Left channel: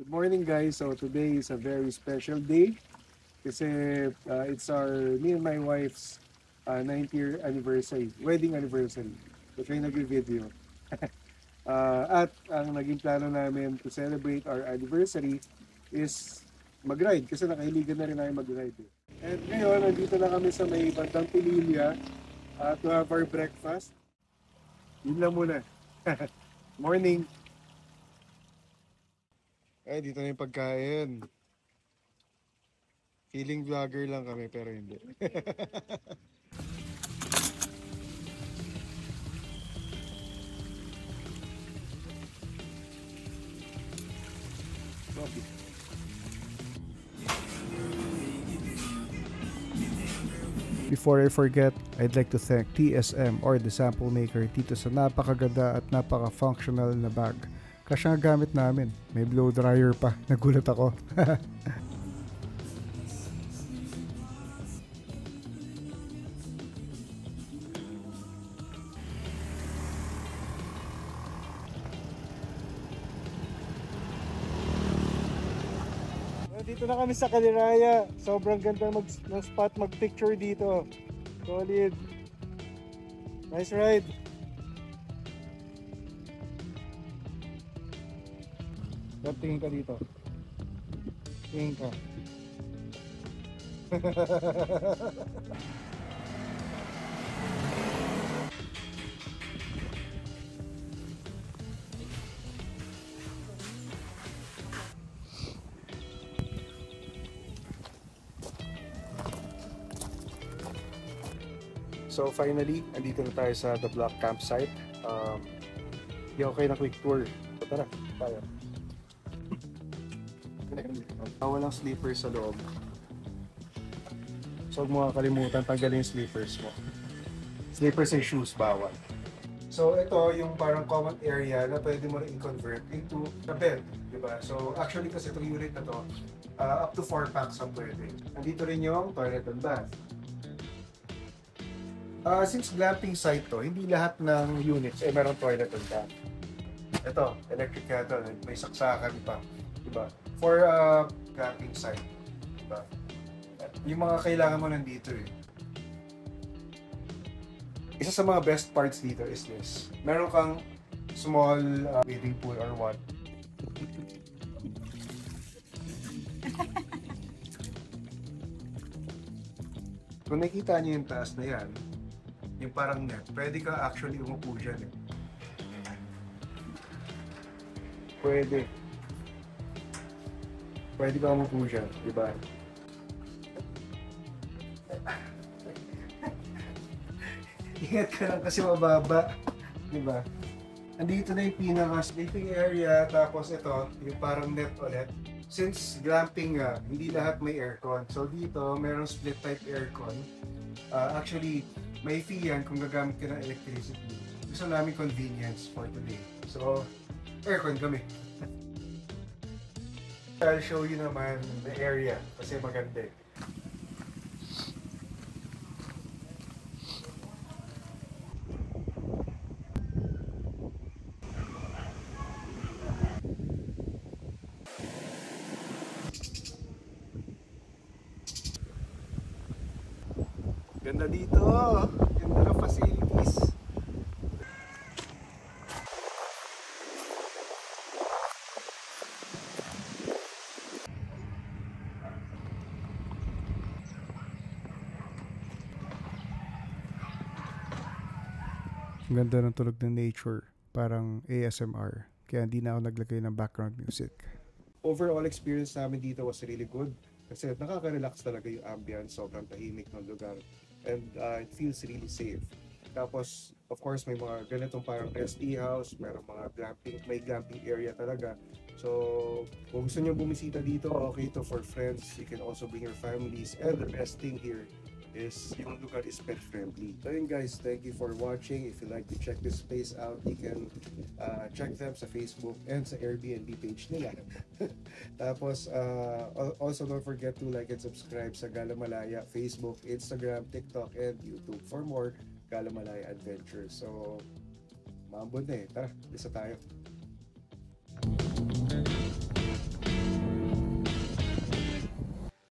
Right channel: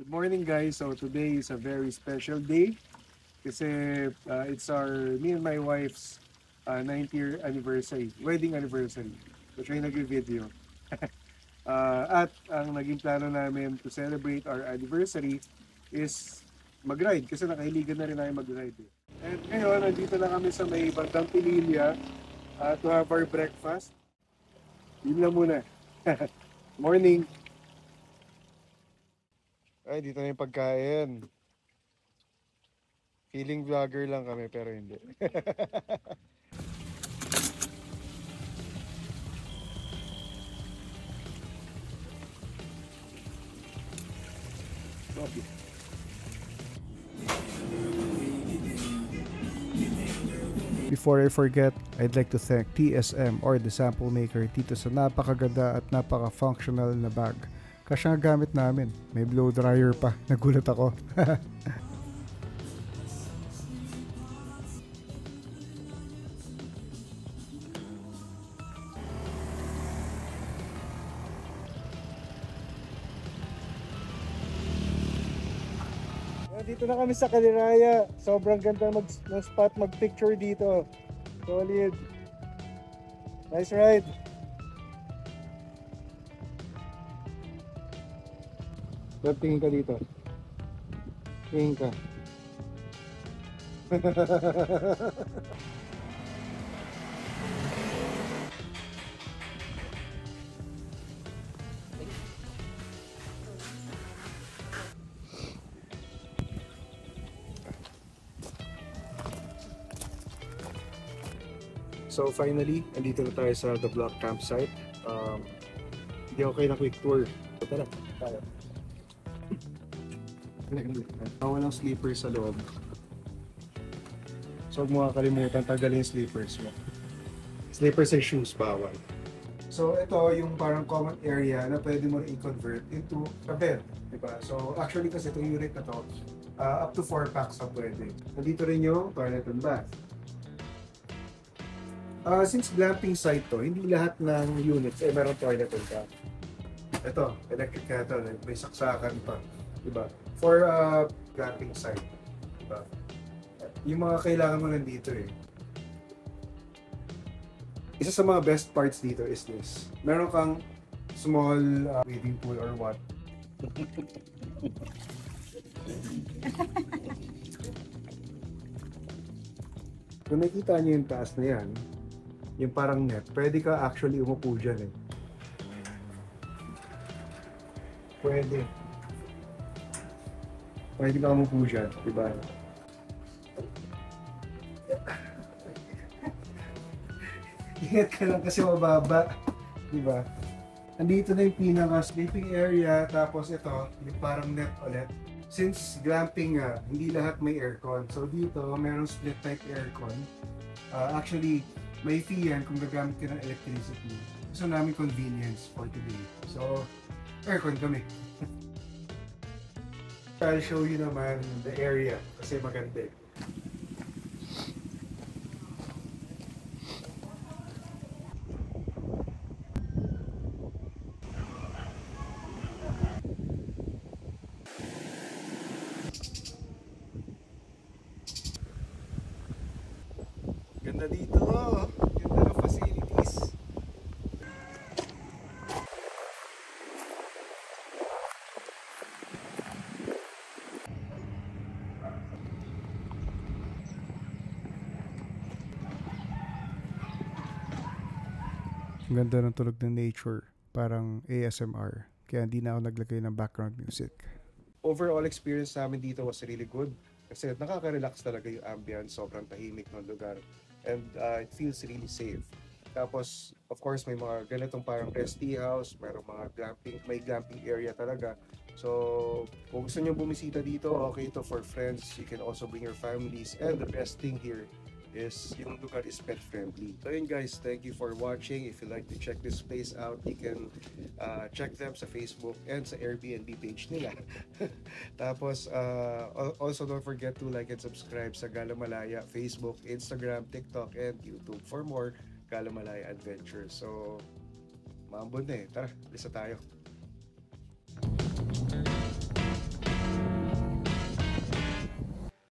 Good morning guys. So today is a very special day kasi it's me and my wife's 9th year anniversary, wedding anniversary. So siya yung nag-video. At ang naging plano namin to celebrate our anniversary is mag-ride kasi nakahiligan na rin tayo mag-ride. And ngayon, nandito na kami sa may bandang Pililya to have our breakfast. Yun lang muna. Morning! Ay, dito na yung pagkain. Feeling vlogger lang kami pero hindi. Coffee. Before I forget, I'd like to thank TSM or the Sample Maker dito sa napakaganda at napaka-functional na bag. Kasi nga gamit namin. May blow dryer pa. Nagulat ako. Dito na kami sa Kaliraya. Sobrang ganda ng spot mag-picture dito. Solid. Nice ride. Tingin ka dito. Tingin ka. So finally, andito na tayo sa The Block Campsite. Hindi ako kayo na quick tour. Tara, tara. Walang sleepers sa loob. So huwag mo kakalimutan, tanggalin yung sleepers mo. Sleepers and shoes, bawal. So ito yung parang common area na pwede mo rin i-convert into a bed. Diba? So actually kasi itong unit na to, up to 4 packs ang pwede. Nandito rin yung toilet and bath. Since glamping site to, hindi lahat ng units merong toilet and bath. Ito, electric kettle, may saksakan pa. Diba? For glamping site. Diba? Yung mga kailangan mo nandito eh. Isa sa mga best parts dito is this. Meron kang small bathing pool or what. Kung nakikita nyo yung taas na yan, yung parang net, pwede ka actually umupo dyan eh. Pwede. Pwede ka umupo dyan, diba? Ingat ka lang kasi mababa, diba? Andito na yung pinaka-sleeping area, tapos ito, yung parang net ulit. Since glamping nga, hindi lahat may aircon. So dito, merong split type aircon. Actually, may fee yan kung gagamit ka ng electricity. Gusto namin convenience for today. So, aircon kami. I'll show you naman the area kasi maganda eh. Ganda dito! Ganda ng facilities! Ang ganda ng tunog ng nature, parang ASMR. Kaya hindi na ako naglagay ng background music. Overall experience namin dito was really good. Kasi nakaka-relax talaga yung ambience, sobrang tahimik ng lugar. And it feels really safe. Tapos, of course, may mga ganitong parang rest house, mayroong mga may glamping area talaga. So, kung gusto nyo bumisita dito, okay to for friends. You can also bring your families. And the best thing here is yung lugar is pet friendly. So yun guys, thank you for watching. If you like to check this place out, you can check them sa Facebook and sa Airbnb page nila. Tapos also don't forget to like and subscribe sa Gala Malaya Facebook, Instagram, TikTok, and YouTube for more Gala Malaya adventures. So maambon na eh. Tara, lisa tayo.